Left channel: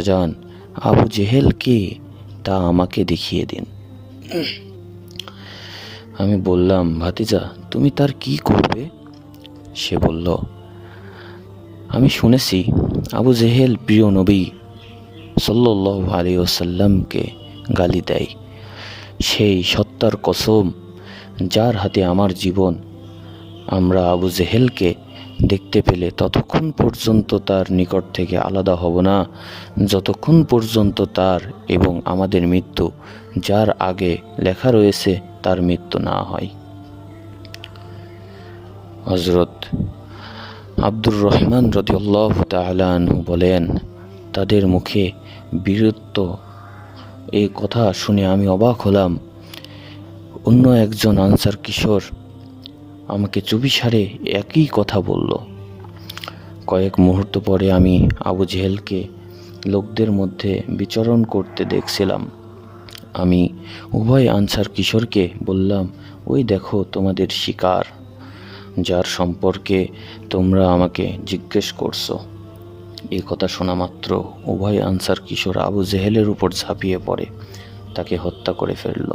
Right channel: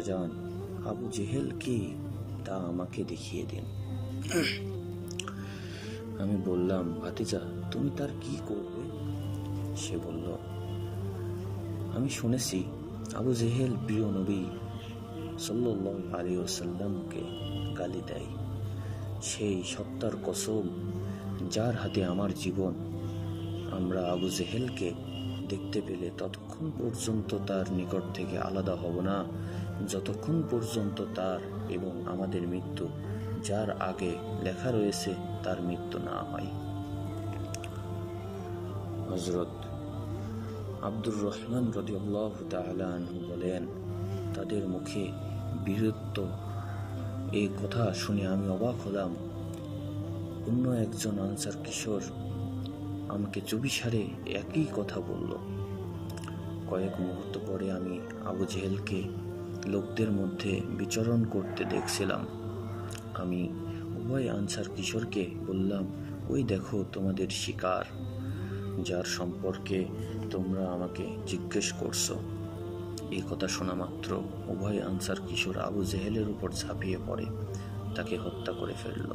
যান, আবু জেহেল কে তা আমাকে দেখিয়ে দিন। আমি বললাম, ভাতিজা, তুমি তার কি করবে? সে বলল, আমি শুনেছি আবু জেহেল প্রিয় নবী সাল্লাল্লাহু আলাইহি ওয়াসাল্লামকে গালি দেয়। সেই সত্তার কসম যার হাতে আমার জীবন, আমরা আবু জেহেলকে দেখতে পেলে ততক্ষণ পর্যন্ত তার নিকট থেকে আলাদা হব না, যতক্ষণ পর্যন্ত তার এবং আমাদের মৃত্যু যার আগে লেখা রয়েছে তার মৃত্যু না হয়। হযরত আব্দুর রহমান রাদিয়াল্লাহু তাআলা আনহু বলেন, তাদের মুখে বীরত্ব, এই কথা শুনে আমি অবাক হলাম। অন্য একজন আনসার কিশোর আমাকে চুপিসারে একই কথা বলল। কয়েক মুহূর্ত পরে আমি আবু জেহেলকে লোকদের মধ্যে বিচরণ করতে দেখছিলাম। আমি উভয় আনসার কিশোরকে বললাম, ওই দেখো তোমাদের শিকার, যার সম্পর্কে তোমরা আমাকে জিজ্ঞেস করছো। এই কথা শোনা মাত্র উভয় আনসার কিশোর আবু জেহেলের উপর ঝাঁপিয়ে পড়ে তাকে হত্যা করে ফেলল।